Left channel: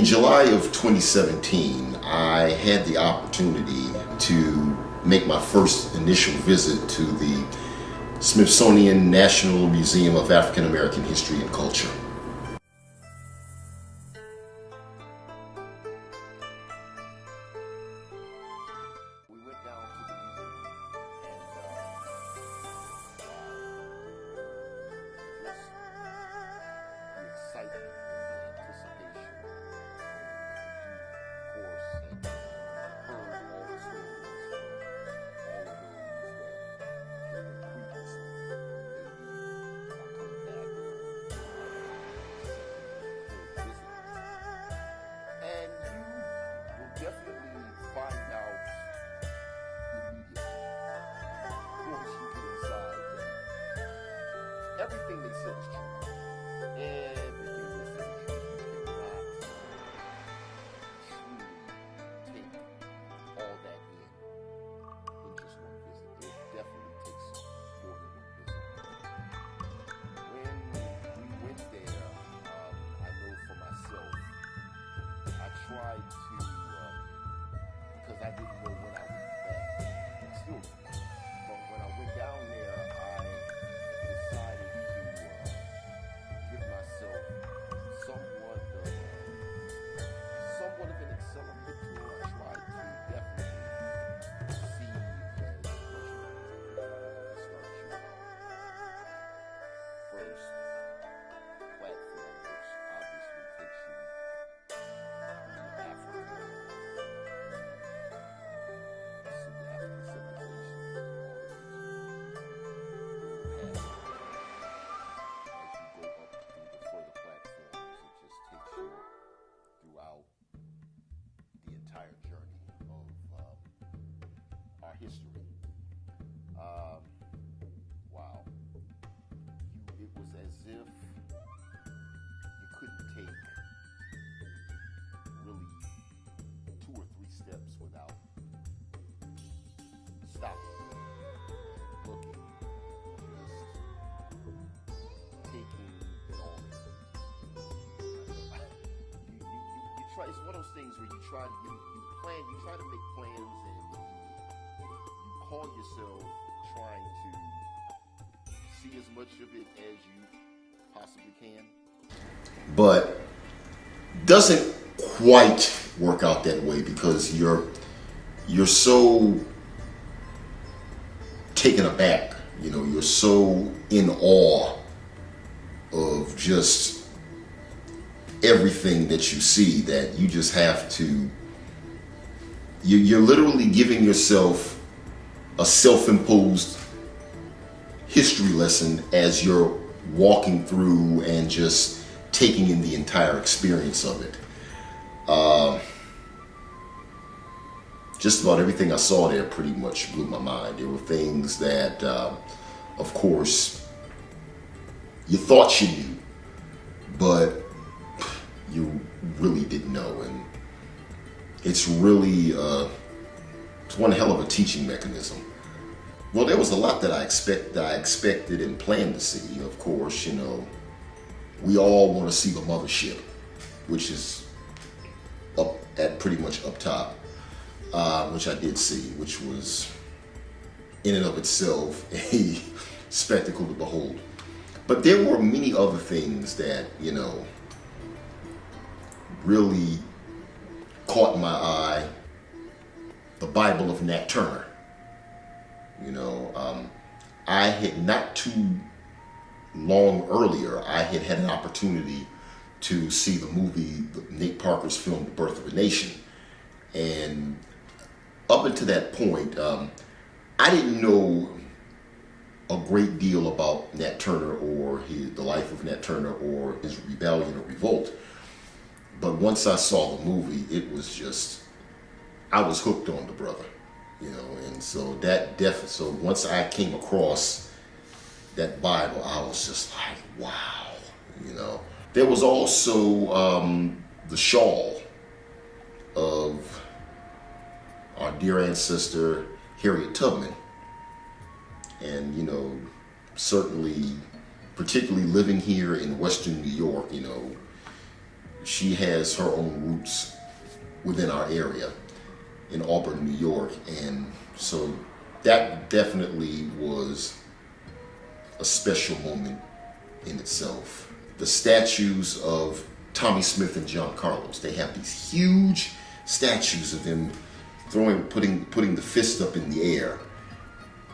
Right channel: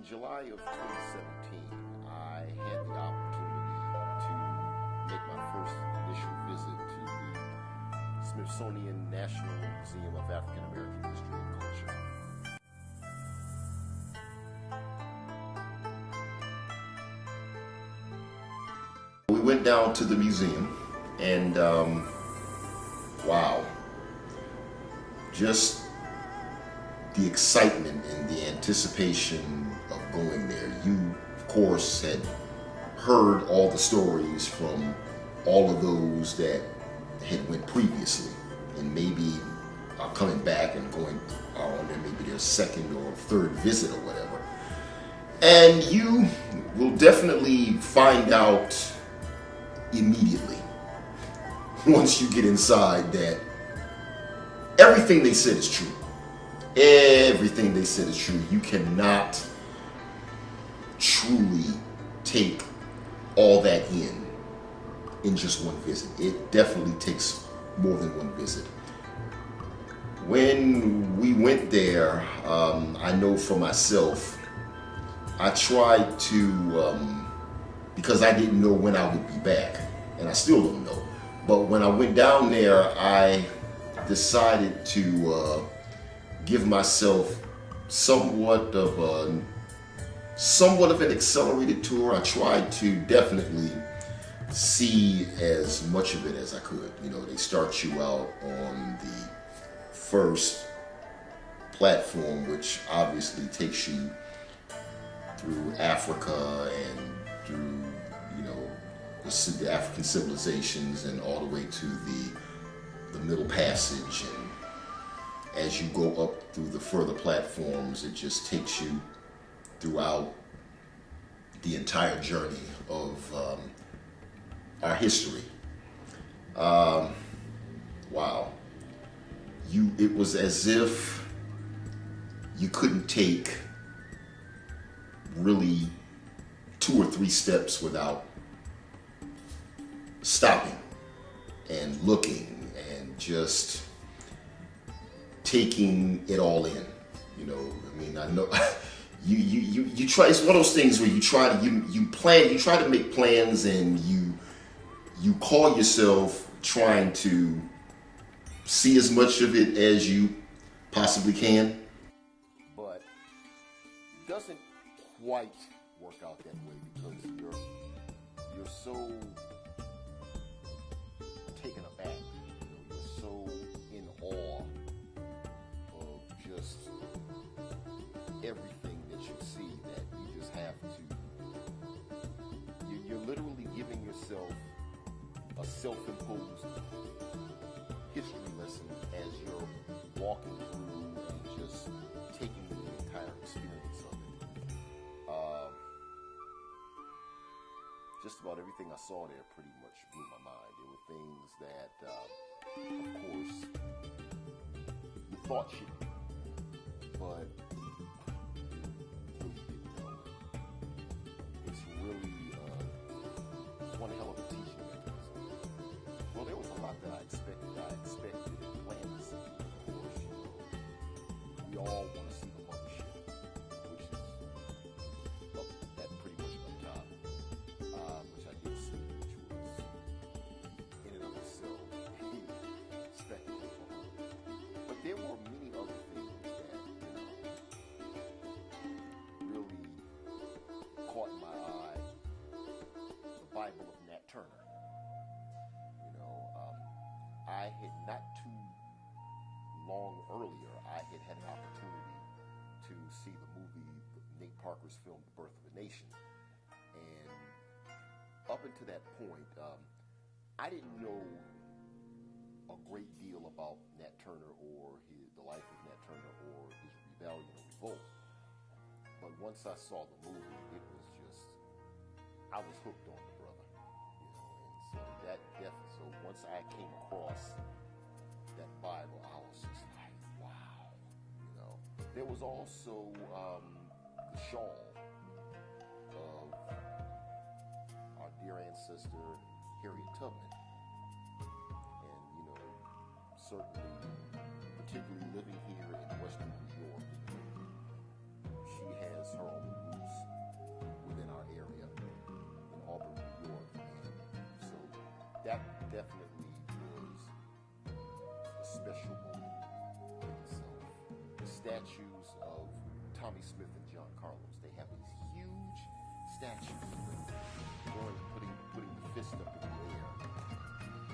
In July of 2017, I had the opportunity to make my first initial visit to the Smithsonian National Museum of African American History and Culture. We went down to the museum and wow, just the excitement and the anticipation of going there. You, of course, had heard all the stories from all of those that had went previously and maybe are coming back and going on maybe their second or third visit or whatever. And you will definitely find out immediately once you get inside that everything they said is true. Everything they said is true. You cannot truly take all that in just one visit. It definitely takes more than one visit. When we went there, I know for myself, I tried to, because I didn't know when I would be back, and I still don't know. But when I went down there, I decided to give myself somewhat of an accelerated tour. I tried to definitely see as much of it as I could. You know, they start you out on the first platform, which obviously takes you through Africa and through, you know, the African civilizations and all the way to the Middle Passage. And as you go up through the further platforms, it just takes you throughout the entire journey of our history. Wow. It was as if you couldn't take really 2 or 3 steps without stopping and looking and just taking it all in. You know, I mean, I know you try. It's one of those things where you try to make plans, and you call yourself trying to see as much of it as you possibly can, but doesn't quite work out that way because you're so taken aback. You know, you're so in awe of just everything that you see that you just have to, you're literally giving yourself a self-imposed history lesson as you're walking through and just taking in the entire experience of it. Just about everything I saw there pretty much blew my mind. There were things that, of course, you thought you knew, but you really didn't know. And it's really, it's one hell of a teaching mechanism. Well, there was a lot that I expected and planned to see. Of course, you know, we all want to see the mothership, which is up at pretty much up top, which I did see, which was in and of itself a spectacle to behold. But there were many other things that, you know, really caught my eye. The Bible of Nat Turner. You know, I had not too long earlier, I had had an opportunity to see the movie, Nate Parker's film, The Birth of a Nation. And up until that point, I didn't know a great deal about Nat Turner or the life of Nat Turner or his rebellion or revolt. But once I saw the movie, it was just, I was hooked on the brother, you know. And so so once I came across that Bible, I was just like, wow, you know. There was also the shawl of our dear ancestor Harriet Tubman. And, you know, certainly, particularly living here in Western New York, you know, she has her own roots within our area in Auburn, New York. And so that definitely was a special moment in itself. The statues of Tommy Smith and John Carlos, they have these huge statues of them putting the fist up in the air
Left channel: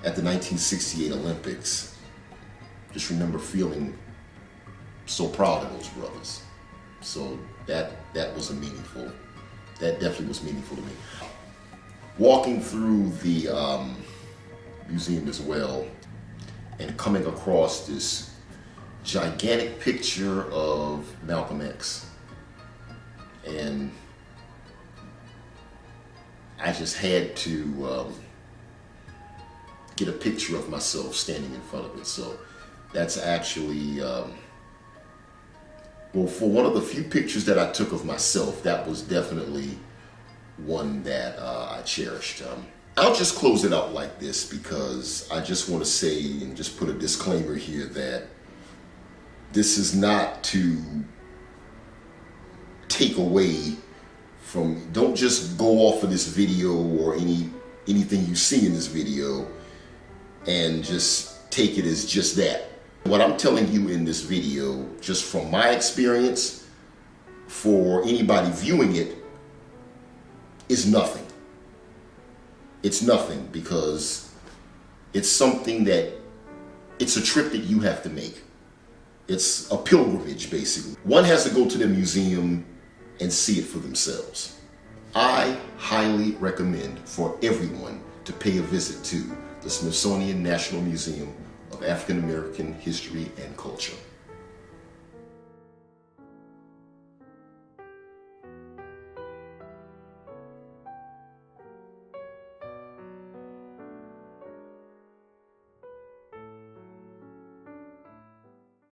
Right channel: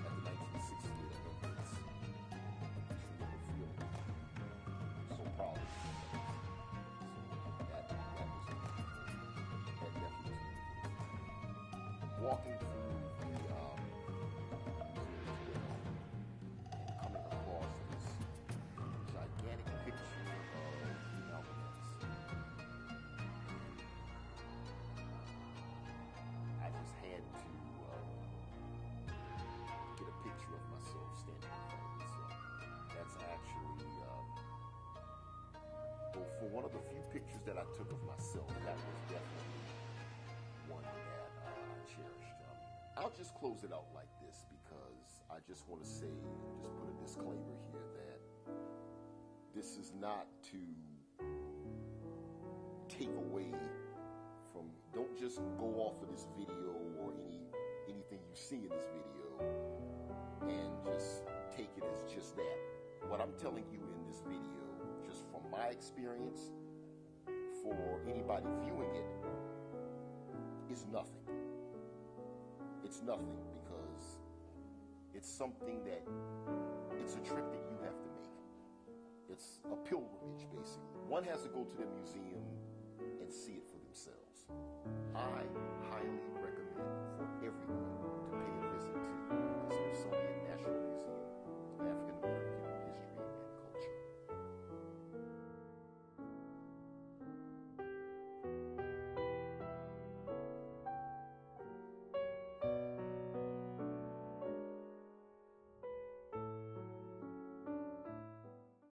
at the 1968 Olympics. Just remember feeling so proud of those brothers. So that definitely was meaningful to me. Walking through the museum as well and coming across this gigantic picture of Malcolm X, and I just had to get a picture of myself standing in front of it. So that's actually, well, for one of the few pictures that I took of myself, that was definitely one that I cherished. I'll just close it out like this, because I just want to say and just put a disclaimer here that this is not to take away from, don't just go off of this video or anything you see in this video and just take it as just that. What I'm telling you in this video, just from my experience, for anybody viewing it, is nothing. It's nothing, because it's something that, it's a trip that you have to make. It's a pilgrimage, basically. One has to go to the museum and see it for themselves. I highly recommend for everyone to pay a visit to the Smithsonian National Museum of African American History and Culture.